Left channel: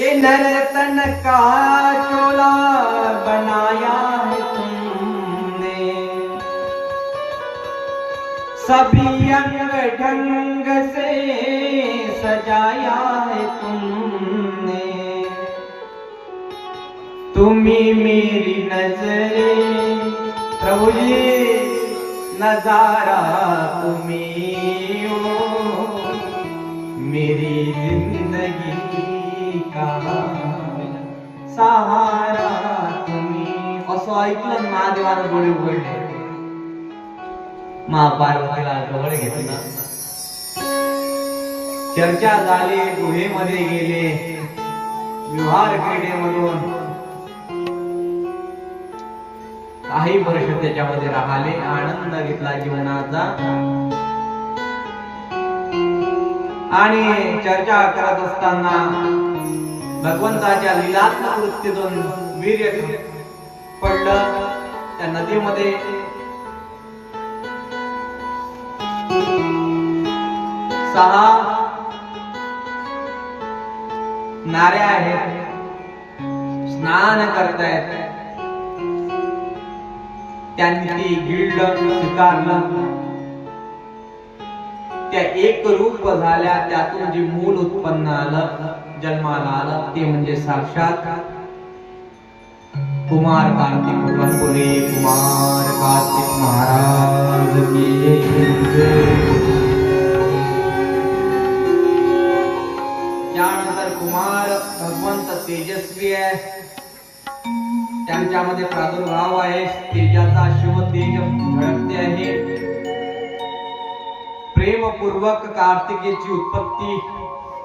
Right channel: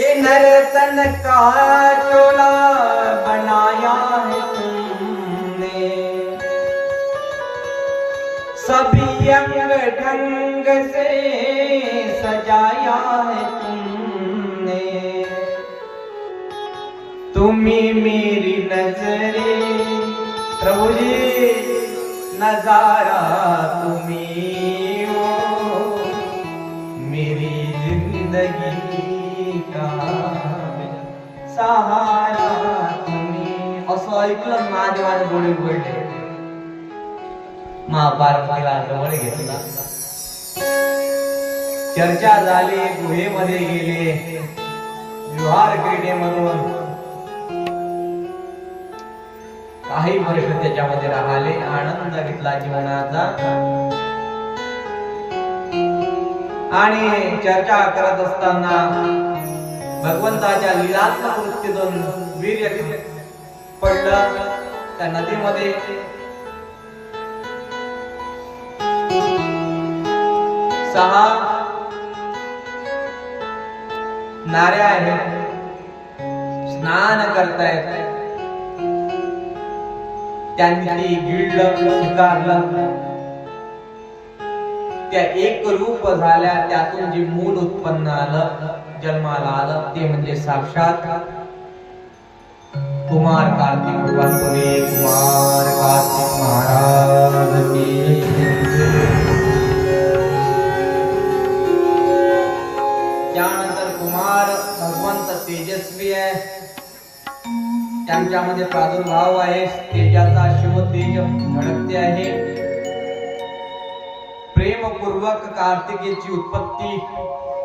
नर्तन का चोला बनाया है तुमने, सभी अंग ढंग से सजाया है तुमने। तुम्ही मेरी नजरे प्रभु जी, नजारा तुम्ही हो, मेरी जिंदगी का सहारा तुम्ही। असं ऐकलं महादेवाने डोळे उघडले, महापार्वतीला जवळ घेतला, चर्चा झाली, गुहेमध्ये गेले, विहार क्रीडेमधून काही वर्ष त्याच्यामध्ये राहिले, आनंद घेतला जीवनाचा आणि चर्चा करत असताना भगवंताच्या लीलात्मक वृत्तीतून वीर्य पडलं त्या नदीमध्ये। सहा नाऱ्या आहेत, स्नान करतायत, त्यांनी गिळलं, स्वीकारलं, त्या एक रूप झाल्या, त्यातून जे मूल उत्पन्न आलं, जन्माला आलं, ते म्हणजे साक्षात कुमार कार्तिक भगवान। बोले कुमार कार्तिक महाराज की जय। त्यानंतर कुमार भगवंत तेजस्वी आहे, त्यांच्यामध्ये प्रादुर्भाव आहे, तेजाचा शिव तेज झळकते आहे। प्रेमपूर्वक कार्तिकेची उत्पत्ती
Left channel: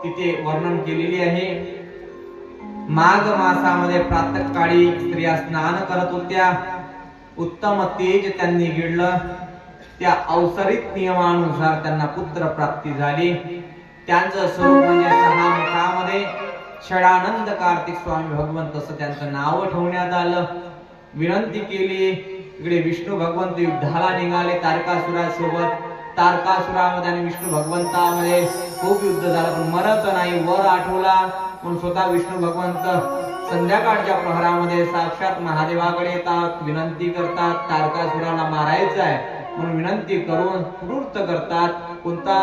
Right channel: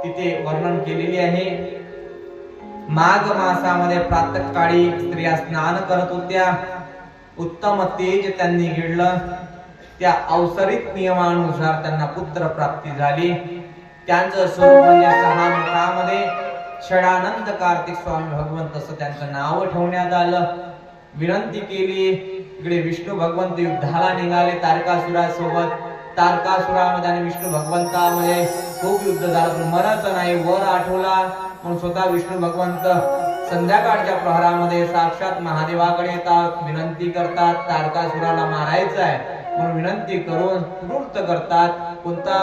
तिथे वर्णन केलेली आहे। माघ मासामध्ये प्रातःकाळी स्त्रिया स्नान करत होत्या, उत्तम तेज त्यांनी गिळलं, त्या अवसरित नियमानुसार त्यांना पुत्र प्राप्ती झाली। त्यांचं स्वरूप म्हणजे सहा मुखामध्ये षडानंद कार्तिक स्वामी भगवंत असं त्यांचं नाव ठेवण्यात आलं। विनंती केली, इकडे विष्णू भगवंत युद्धाला निघाले तारकासुरासोबत, तारकासुरामध्ये आणि विष्णू भगवंतामध्ये खूप युद्ध झालं, पण मरत नाही, वर आठवला म्हणून स्वतः विष्णू भगवंत संध्याकाळच्या प्रहरामध्ये साक्षात महादेवाकडे येतात, विनंती करतात, तारकासुराला मारायचं आहे म्हणून विनंती करून कृत करतात। कोणता?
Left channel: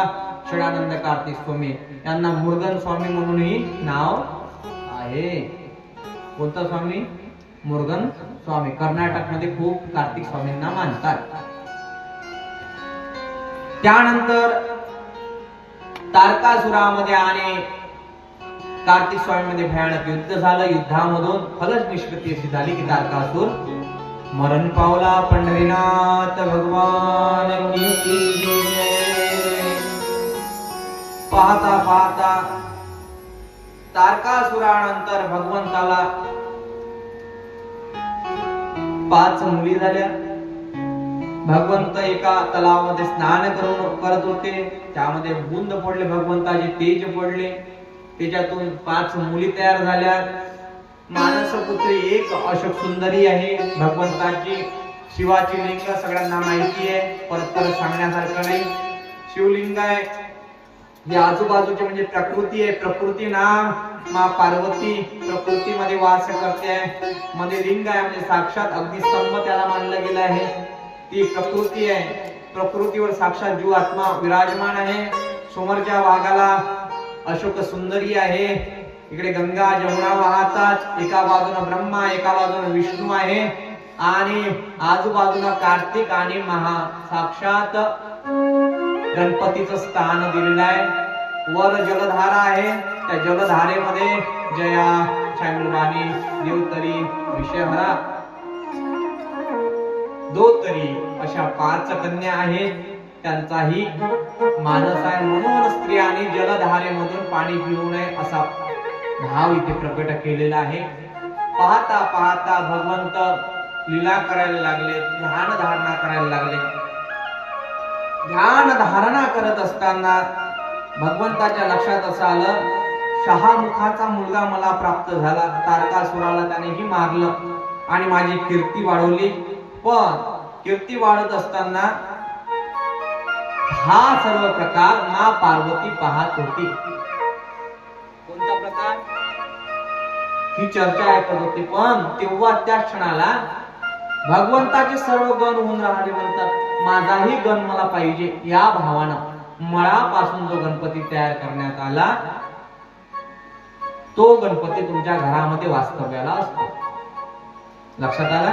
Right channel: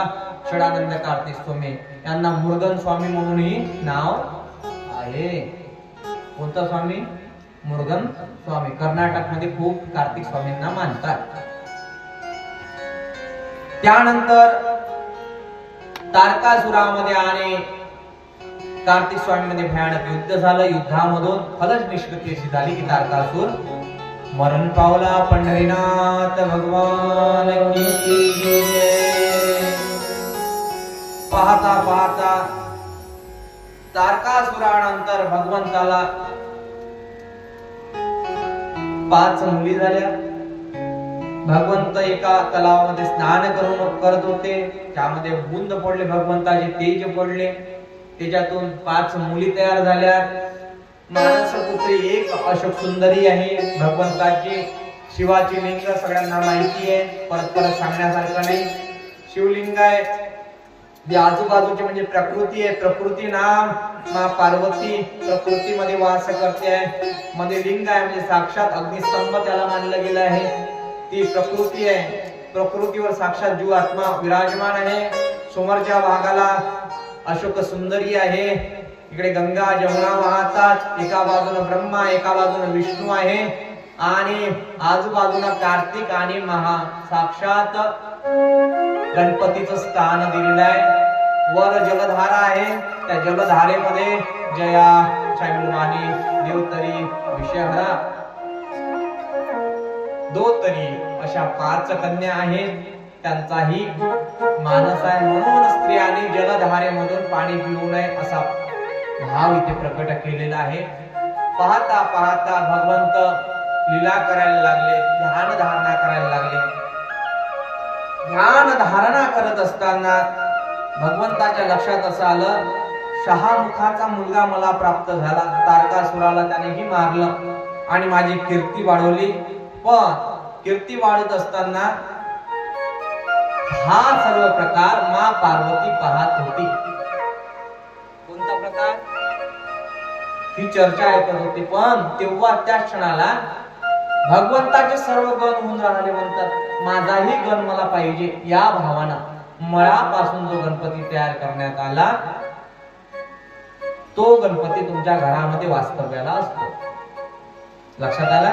षडानंद कार्तिक स्वामी, यांना मुर्गन स्वामी म्हणूनही नाव आहे। कोणता स्वामी? मुर्गन स्वामी। कर्नाटकमध्ये खूप कार्तिक स्वामींना मानतात। त्यानंतर तारकासुरामध्ये आणि कार्तिक स्वामीमध्ये भयानक युद्ध झालं। युद्धामधून फलच निष्पत्ती अशी झाली की तारकासुर मरण पावला। पंढरीनाथ भगवान की जय। पाहता पाहता तारकासुरानंतर भगवंताला 5 मुली झाल्या। भगवंत एका तलावामध्ये स्नान करत होते, त्यामध्ये बुंद पडले, भगवंताचे तेज पडले, त्याच्यातून 5 मुली तयार झाल्या। मानसपुत्री एक अशोक सुंदरी आहे भगवंताची। शिवाची लिंग सगळ्यांना माहिती आहे, परत परत सांगण्यासारखं नाही। शिवलिंग आहे, ही आजूबाजूची म्हणजे प्रकृती आहे। प्रकृती नाम माँ पार्वती प्रकृतीमध्ये वास करते आहे। मध्ये लिंग आहे म्हणजे साक्षात अग्निस्तंभ त्याला मानलं गेलं आहे, ती प्रकृती आहे। प्रकृतीवर साक्षात जीव आत्मा विराजमान आहे। समोरच्या भागाला अशोक सुंदरी आहे, इकडे गंगा जमुना वाहतात, एका बाजूने ब्रह्मा एका बाजूने विष्णू आहे आणि आजूबाजूला कार्तिक आणि महा साक्षात गणपतीचं स्थान दिलेलं आहे। वर जलधारा आहे, त्या जलधारेमध्ये जया, चांगुलवाणी, देवतरी, विषयहरा, दोतरी अशा 5 कन्या आहेत, त्यांचाही मानस आहे। म्हणून स्त्रियांनी जलधारेमधून पाणी पिऊ नये असा भाव इथे प्रकट केलेला आहे। पाहता पाहता भगवंत लीला करायला लागले, ध्यान धारणा करायला लागले। ध्यान धारणा करत असताना भगवंताच्या लक्षात असं आलं, 6 मुखाचा मुलगा मला प्राप्त झाला। तारकासुराला त्यानेही मारलं आणि माझी कीर्ती वाढवली। पण कीर्ती वाढत असताना हा सर्व प्रकार माँ पार्वती पाहत होती। कोणता प्रकार? ही चर्चा ऐकत होते. पण तेव्हा त्या क्षणाला भगवंताचे सर्व गण होऊन राहिले. म्हणतात माझाही गण मला पाहिजे. या भावानं मळापासून जो गणपती तयार करण्यात आला तो गणपती तुमच्या घरामध्ये वास्तव्याला असतो. लक्षात आला?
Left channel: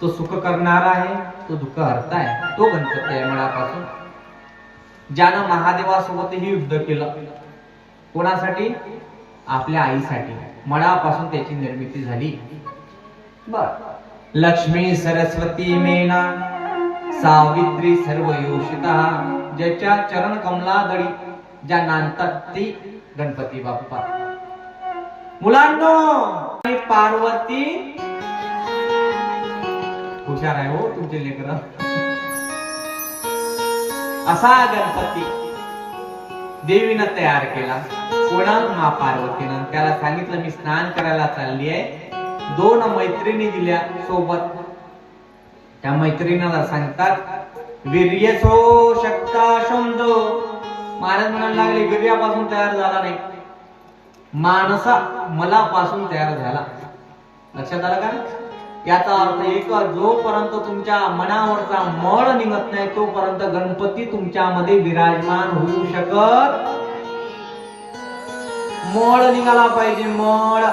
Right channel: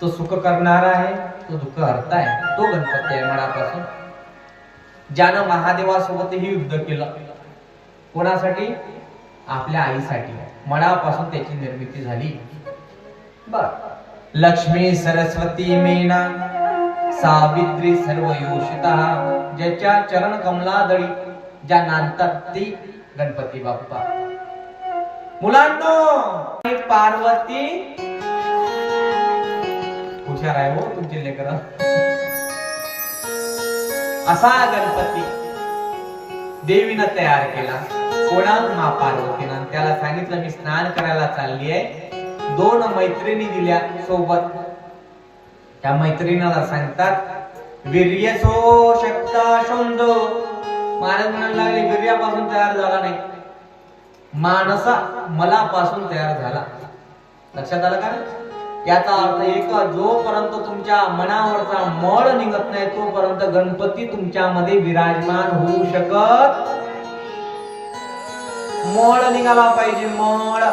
तो सुख करणारा आहे, तो दुःख हरता आहे, तो गणपती आहे मळापासून. ज्यानं महादेवासोबतही युद्ध केलं. कोणासाठी? आपल्या आईसाठी. मळापासून त्याची निर्मिती झाली. बर. लक्ष्मी सरस्वती मेना सावित्री सर्व योषिता, ज्याच्या चरण कमलादळी ज्या नांदतात ती गणपती बाप्पा. मुलांनो, पार्वती हुशार आहे हो तुमचे लेकर. असा गणपती देवीनं तयार केला. कोणाला? मा पार्वतीनं. त्याला सांगितलं मी स्नान करायला चालली आहे. 2 मैत्रिणी दिल्या सोबत. त्या मैत्रिणीला सांगतात वीर्यसो शक्ता शोंदो. महाराज म्हणायला लागले वीर्यापासून तयार झाला नाही, मानसा मलापासून तयार झाला. लक्षात आलं का? याचा अर्थ एक, जोपर्यंत तुमच्या मनावरचा मळ निघत नाही तोपर्यंत गणपती तुमच्यामध्ये विराजमान होऊ शकत. मळ निघाला पाहिजे. मळ